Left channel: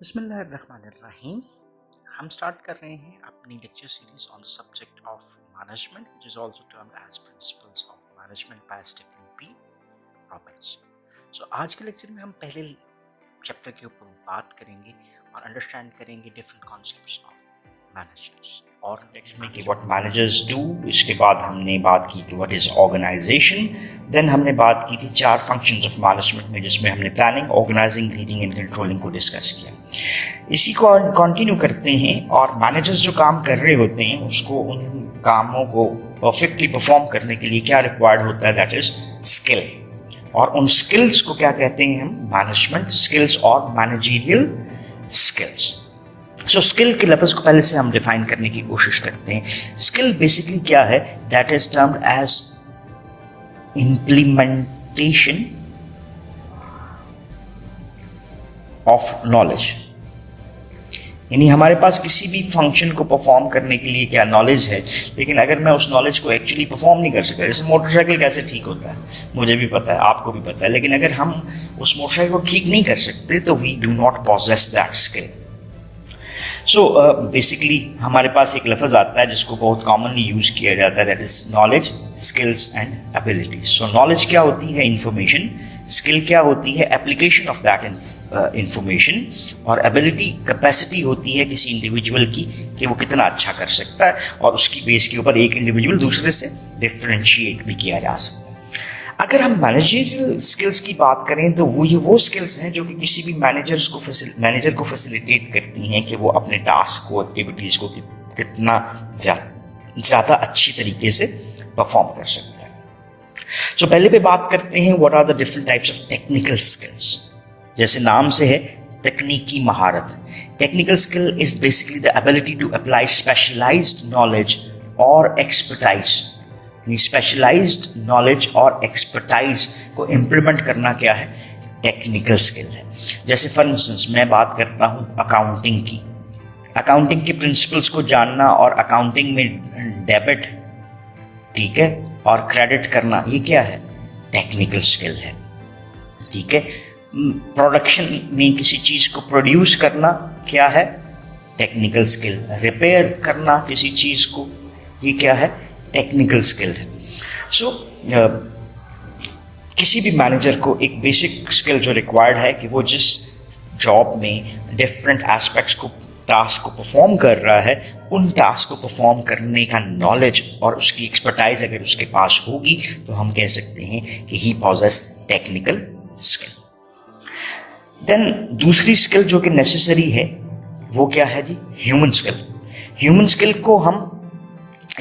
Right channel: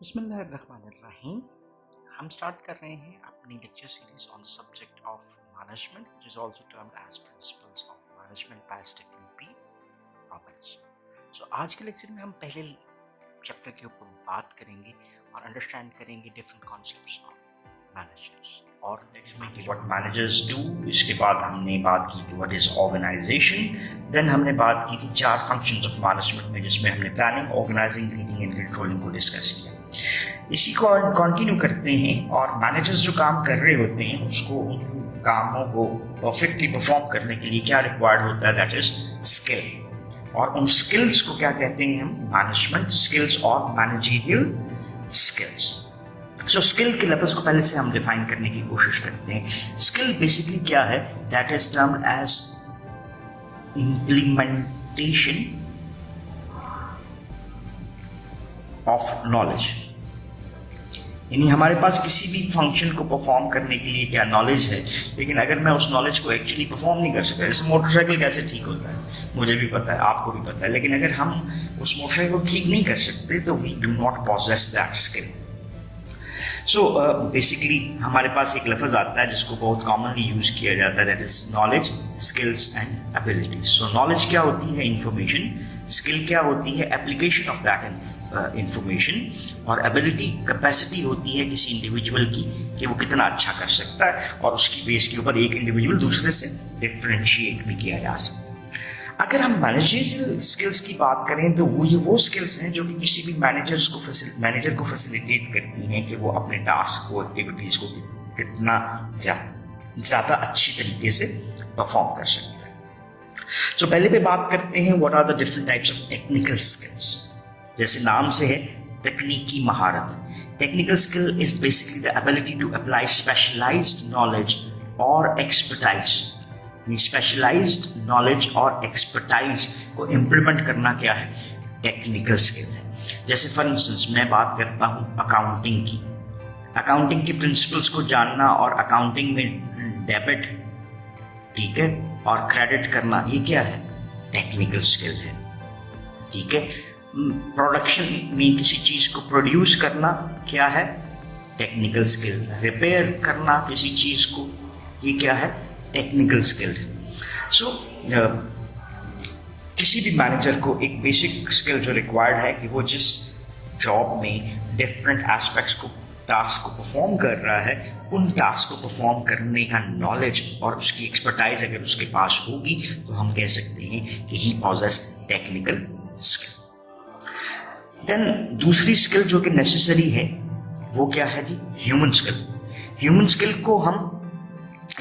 बिस्मिल्लाहिर्रहमानिर्रहीम। हम स्टार्ट कर रहे हैं अपनी lecture series on the subject of management which is also termed as principles of management by Stephen P Robbins. So आज के लेक्चर में हम पहले चैप्टर के ऊपर बात करेंगे और अंडरस्टैंड करेंगे डिफरेंट कॉन्सेप्ट्स ऑफ मैनेजर्स और में कि व्हाट मैनेजर्स डू। इसके बाद हमने बात की कि व्हाट इज ऑर्गेनाइजेशन। देन हमने बात की थी 4 फंक्शंस ऑफ मैनेजमेंट में, जिसमें हमने planning, organising, leading and controlling को डिस्कस किया। इसी को कंटिन्यू करते हैं और मैनेजर्स जो काम कर रहे होते हैं उसको उन कामों को परफेक्टली परफॉर्म करने के लिए क्या रिक्वायर्ड होता है, दैट इज स्किल। और उन स्किल्स को क्या कहते हैं हम, मैनेजमेंट स्किल्स और मैनेजरियल स्किल्स। सो स्किल के लफ्ज़ को पहले से हम डिफाइन करने की कोशिश करते हैं। स्किल बेसिकली क्या है, that is termed as implementation of knowledge. यानी हमारे पास किसी भी फंक्शन को परफॉर्म करने के लिए क्या नॉलेज है, लेकिन अगर मैं उस नॉलेज को एक्चुअली परफॉर्म नहीं कर सका, जैसे मोटरसाइकिल कैसे ठीक होता है मुझे भी पता है, आपको भी पता है, लेकिन अगर हम उस मोटरसाइकिल को ठीक नहीं कर सकते तो we do not possess that skill. So basically हमारे पास एक लफ्ज़ आता है जिसको बहुत कॉमनली यूज़ किया जाता है, that is knowledge, skills and abilities. So knowledge क्या होती है, इंफॉर्मेशन। स्किल क्या होती है, एप्लीकेशन ऑफ दैट इंफॉर्मेशन। और एबिलिटी, कैपेसिटी होती है किसी इंडिविजुअल की कि वो कितना अच्छा कर सकता है, और उसकी बेस के ऊपर एक इंडिविजुअल दूसरे से डिफ्रेंशिएट भी किया जा सकता है। अगर हम मैनेजरियल स्किल्स की बात करें तो वो स्किल्स हैं जो कि किसी भी मैनेजर को फैसिलिटेट करती हैं कि वो अपने टास्क को, एक्टिविटीज़ को कितना ज़्यादा अच्छी तरीके से परफॉर्म कर सकता है। सो पहले पे बात करते हैं what are the different types of technical skills. जैसे नाम से है, तकनीकी महारत। Technical skill is basically the ability to apply specialised knowledge और एक्सपर्टाइज। स्पेशलाइज्ड नॉलेज और एक्सपर्टाइज को इम्प्लीमेंट करना क्या है, टेक्निकल स्किल है। जैसे फॉर इंस्टेंस मैं बात करता हूँ अकाउंटिंग की, अकाउंटिंग के प्रिंसिपल्स को जानना और अकाउंटिंग में डेबिट, ठीक है, और क्रेडिट करना, ये क्या है, टेक्निकल स्किल है। ठीक है, प्रोडक्शन में किसी चीज़ को प्रोड्यूस करना क्या है, टेक्निकल स्किल। रिपेयर करना किसी चीज़ को, ये क्या है, टेक्निकल स्किल है। सो किसी भी मैनेजर को एक बेसिक स्किल जो रिक्वायर्ड है कि वो जिस जॉब में डिफरेंट एस्पेक्ट्स को, टास्क को परफॉर्म कर रहा है, उन टास्क को परफॉर्म करने का नॉलेज और उसकी एक्सपर्टाइज अगर उसके पास होगी तो हम कह सकते हैं कि ही पॉजेस टेक्निकल स्किल। देन दूसरी स्किल जो कि नेसेसरी है वो क्या है जी, ह्यूमन स्किल। ह्यूमन स्किल को हम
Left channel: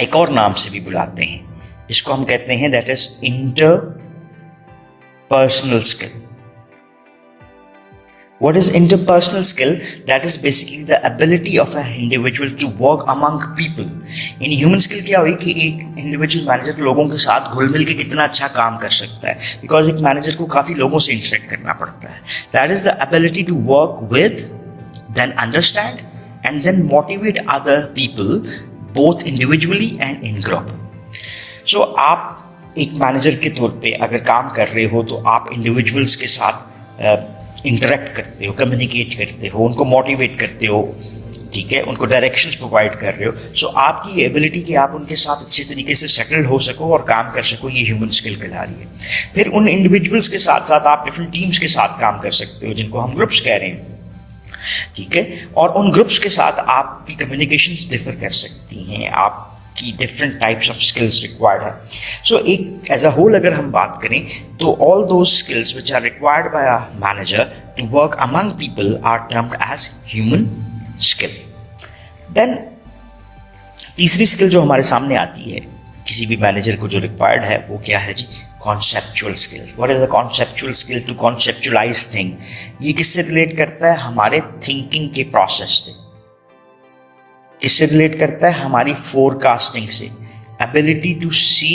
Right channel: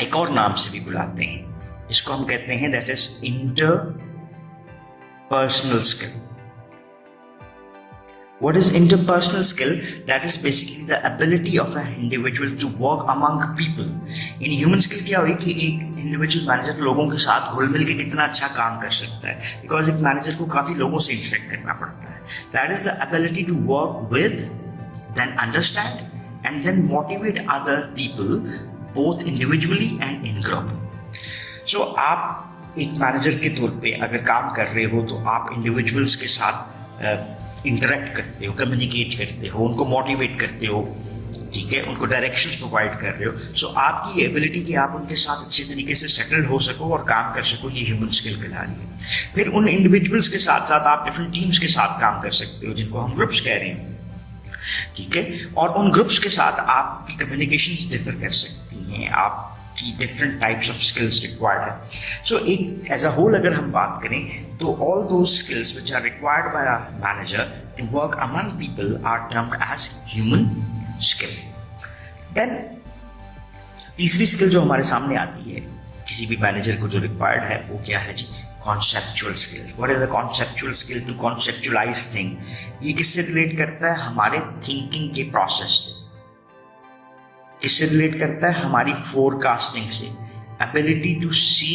एक और नाम से भी बुलाते हैं, इसको हम कहते हैं that is interpersonal skill. What is interpersonal skill? That is basically the ability of an individual to work among people. In human skill क्या हुई कि एक इंडिविजुअल मैनेजर लोगों के साथ घुल मिल के कितना अच्छा काम कर सकता है, बिकॉज एक मैनेजर को काफ़ी लोगों से इंटरेक्ट करना पड़ता है। That is the ability to work with, then understand, and then motivate other people, both individually and in group. So आप एक मैनेजर के तौर पे अगर काम कर रहे हो तो आप इंडिविजुअल्स के साथ इंटरेक्ट करते हो, कम्युनिकेट करते हो, उनको मोटिवेट करते हो, ठीक है, उनको डायरेक्शंस प्रोवाइड कर रहे हो। सो आपकी एबिलिटी कि आप उनके साथ अच्छे तरीके से सेटल हो सको और काम कर सको, ये ह्यूमन स्किल कहला रही है। फिर उन इंडिविजुअल्स के साथ साथ आप डिफरेंट टीम्स के साथ काम कर सकते हो, जिनको हम ग्रुप्स कह रहे हैं, ठीक है, और उन ग्रुप्स के साथ आपकी कम्युनिकेशंस डिफर कर सकती हैं, आपकी different types of skills required है। सो एक एज अ होल अगर हम बात करें तो all those skills which are required by a manager to work among people are termed as human skill. Then तीसरी स्किल जो हमारे सामने आती है किसी भी मैनेजर को जो रिक्वायर्ड है वो क्या है जी, conceptual skills. What is a conceptual skill? To conceptualise thing. ये किससे रिलेट करता है, हमारे थिंकिंग के प्रोसेस से। किससे रिलेट करता है, हमारी फोरकास्टिंग से। Ability to see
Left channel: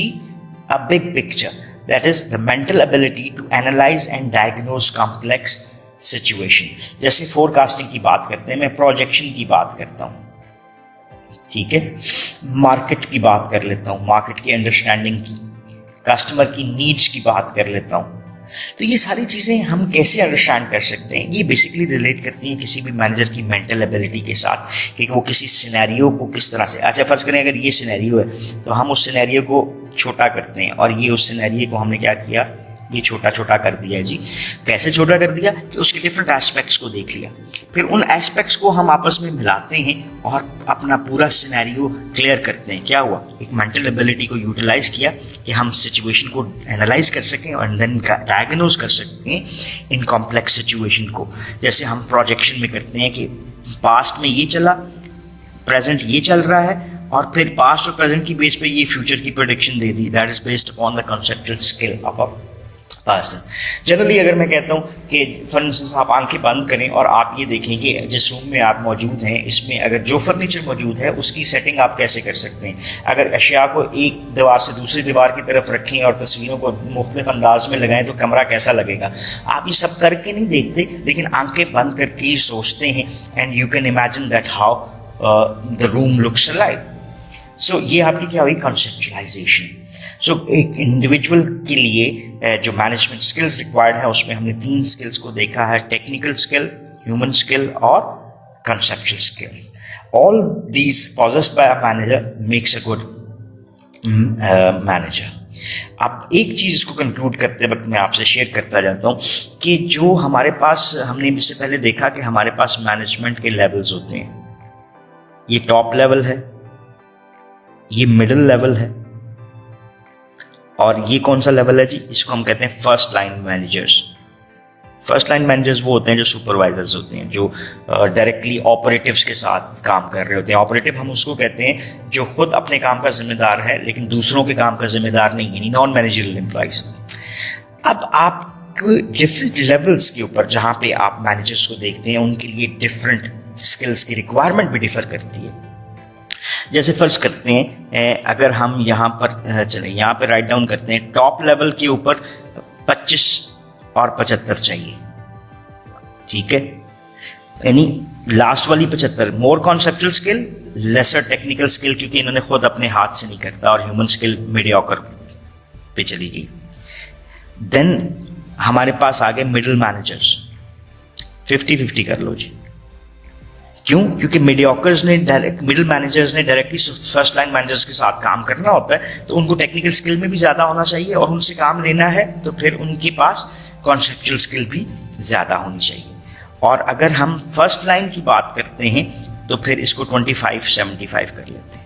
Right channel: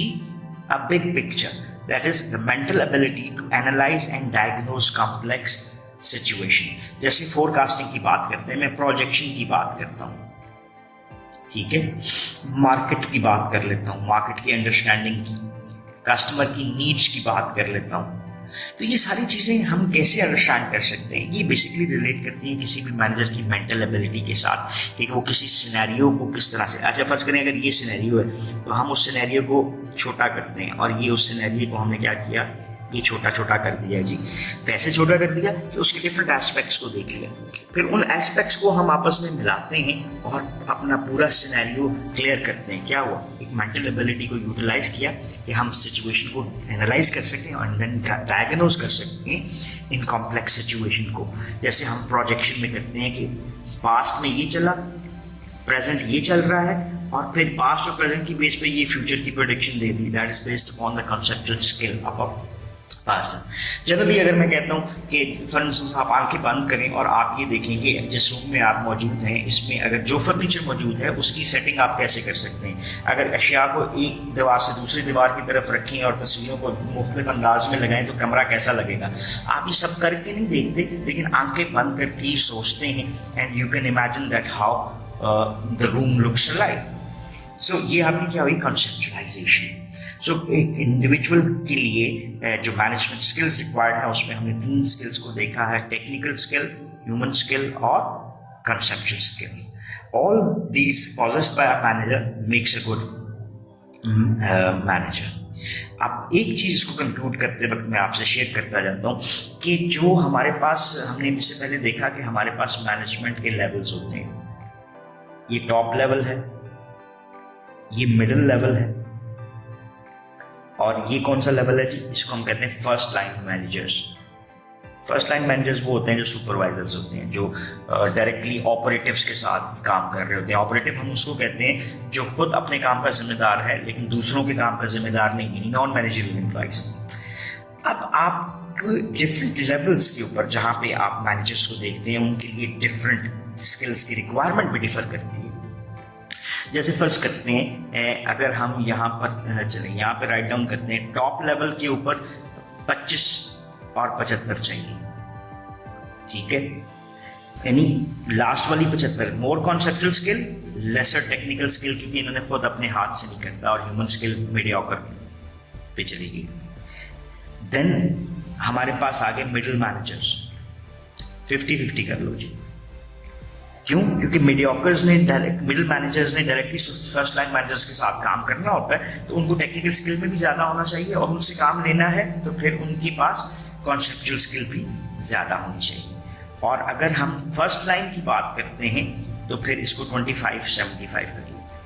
a big picture, that is the mental ability to analyse and diagnose complex situation. जैसे फोरकास्टिंग की बात करते हैं, मैं प्रोजेक्शन की बात करता हूँ, ठीक है, मार्केट की बात कर लेता हूँ, मार्केट की अंडरस्टैंडिंग की, कस्टमर की नीड्स की बात कर लेता हूँ, तो ये सारी चीज़ें हम कैसे अंडरस्टैंड कर सकते हैं? ये बेसिकली रिलेट करती हैं किसी भी मैनेजर की मेंटल एबिलिटी के साथ कि वो किसी सिनेरियो को किस तरह से, अच्छा फर्ज करें अगर ये सिनेरियो है तो हम उस सिनेरियो को छोटा करते हैं, और ये उस सिनेरियो को हमने क्या किया, ये छोटा छोटा कर दिया जी। कैसे छोटा कर दिया कि उसके डिफरेंट एस्पेक्ट्स को देख लिया, फिर उन एस्पेक्ट्स को हम आपस में मिलाते हैं और अपना पूरा सिनेरियो क्लियर करते हैं। क्या हुआ, एक मेंटल एबिलिटी को यूटिलाइज किया कि हम सिचुएशन को एनालाइज कर सकें और देन डायग्नोज कर सकते हैं इन कॉम्प्लेक्स सिचुएशन को। जैसे हम प्रोजेक्शन में करते हैं कि पास्ट में ये चला, प्रेजेंट ये चल रहा है, और फिर पास्ट और प्रेजेंट की बेस पे ये फ्यूचर की prediction they the. That is based on the conceptual skill of a person. Generally अगर मैं कहता हूँ कि फॉर इंस्टेंस आप आंखें बंद करें और आप ये देखें कि जिस रूम में आप मौजूद हैं इसमें अगर जो फर्नीचर मौजूद है उसकी सेटिंग आप कैसे कर सकते हैं। अगर अशिया को एक दीवार से दूसरी दीवार की तरफ रखें और तस्वीरों को मुख्तलिफ अंदाज में लगाएं तो कमरा कैसा लगेगा। आप ये सब करके नहीं देखते, लेकिन आंखें बंद करके ही सोचते हैं, and you can imagine that how the room looks like. So ये आपकी क्या हुई, कॉन्सेप्चुलाइजेशन। सो एक इंडिविजुअल के लिए जो मैनेजमेंट स्किल्स रिक्वायर्ड है उसमें हमने 3 स्किल्स को देखा है, टेक्निकल स्किल, ह्यूमन स्किल और conceptual skills. All these possessed by a manager makes a good manager. अब एक चीज़ इसको कंक्लूड करते वक्त मैं आपसे शेयर करता जाता हूँ कि जो हमारे पास, हमने इससे पहले देखा कि हमारे पास मैनेजमेंट के लेवल्स होते हैं। ये टॉप लेवल है, ये मिडिल लेवल है, और ये कौन सा लेवल है जी, इसको हम कहते हैं first line managers. First line managers वो होते हैं जो सुपरवाइजर्स होते हैं, जो डायरेक्टली ऑपरेटिव्स के साथ काम कर रहे होते हैं। ऑपरेटिव हम उसको कहते हैं जो खुद अपने काम का जिम्मेदार है लेकिन दूसरों के काम का जिम्मेदार नहीं, यानी नॉन मैनेजरियल एम्प्लॉइज। अब आप डिफरेंट लेवल्स के ऊपर जहाँ पे आप मैनेजर्स को देखते हैं उनके लिए डिफरेंट स्किल्स की रिक्वायरमेंट भी डिफर करती है। जैसे फर्ज करते हैं अगर हम यहाँ पर चलें, यहाँ पर राइट डाउन करते हैं, टॉप लेवल के ऊपर 25 और 75 चाहिए, ठीक है, यानी लास्ट वाली 75 more conceptual skill, lesser technical skill, क्योंकि इन्होंने खुद अपने हाथ से नहीं करता, और ह्यूमन स्किल मीडियोकर पे चली गई। देन हमारे पास आ गए मिडिल मैनेजर्स, 50-50 कर लो जी। क्यों? क्योंकि मीडियोकर्स ने मिडिल मैनेजर्स ने डायरेक्टली फर्स्ट लाइन मैनेजर्स के साथ काम करना होता है, तो उनको टेक्निकल स्किल में भी ज़्यादा होना चाहिए, और उनसे काम लेना है तो फिर उनके पास कॉन्सेप्चुअल स्किल भी ज़्यादा होनी चाहिए। और अगर हम फर्स्ट लाइन की बात करते हैं तो फिर इसको 25-75 कर लेते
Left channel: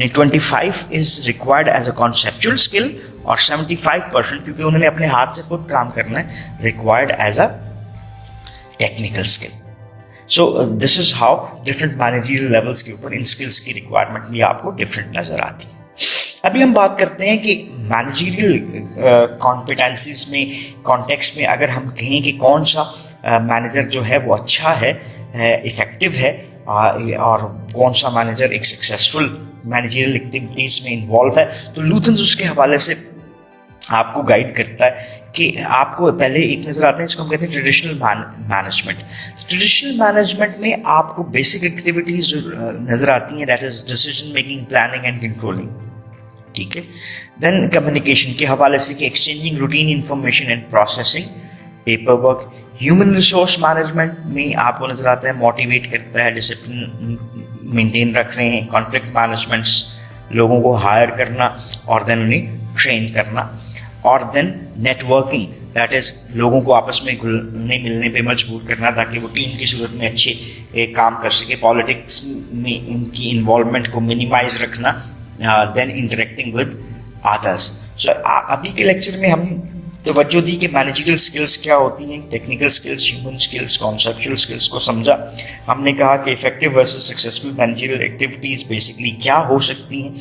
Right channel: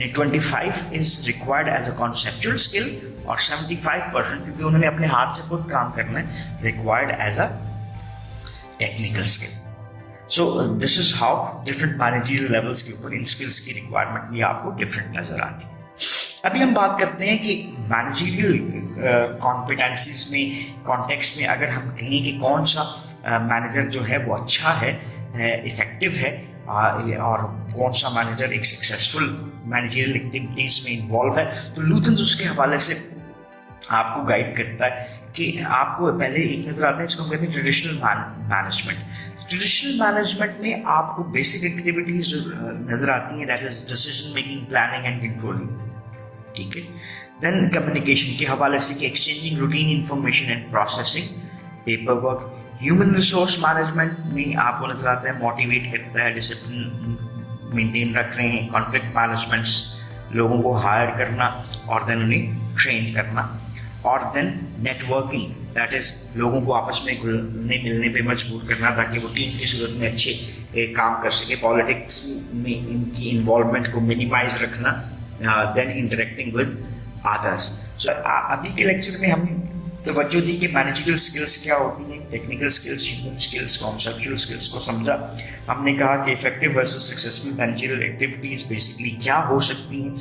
हैं। 25 is required as a conceptual skill, और 75% क्योंकि उन्होंने अपने हाथ से खुद काम करना है, required as a technical skill. So this is how different managerial levels के ऊपर इन स्किल्स की रिक्वायरमेंट भी आपको डिफरेंट नजर आती है। अभी हम बात करते हैं कि मैनेजरियल कॉम्पिटेंसीज में, कॉन्टेक्स्ट में अगर हम कहें कि कौन सा मैनेजर जो है वो अच्छा है, इफेक्टिव है, और कौन सा मैनेजर एक सक्सेसफुल मैनेजरियल एक्टिविटीज में इन्वॉल्व है, तो लूथन्स उसके हवाले से आपको गाइड करता है कि आपको पहले एक नजर आता है, इसको हम कहते हैं ट्रेडिशनल मैनेजमेंट। ट्रेडिशनल मैनेजमेंट में आपको बेसिक एक्टिविटीज नजर आती हैं, that is decision making, planning and controlling, ठीक है। देन कम्युनिकेशन के हवाले से कि exchanging routine information and processing, paper work. Human resource management में आपको नजर आता है मोटिवेट करता है, डिसिप्लिन मेंटेन रख रहे हैं, कॉन्फ्लिक्ट मैनेजमेंट्स, लोगों को हायर करना और देन उन्हें ट्रेन करना, और देन नेटवर्किंग, दैट इज लोगों को आपस में घुलने मिलने पे मजबूर करना ताकि वो टीम की सूरत में अच्छे काम कर सके। पॉलिटिक्स में इनकी इन्वॉल्वमेंट को मिनिमाइज रखना, देन इंटरेक्टिंग विद अदर्स। सो अभी के लेक्चर में हमने तवज्जो दी कि मैनेजरियल स्किल्स क्या होती हैं, technical skills, human skills, conceptual skills को समझा। हमने कहा कि effective versus successful managerial activities basically क्या हो सकती हैं,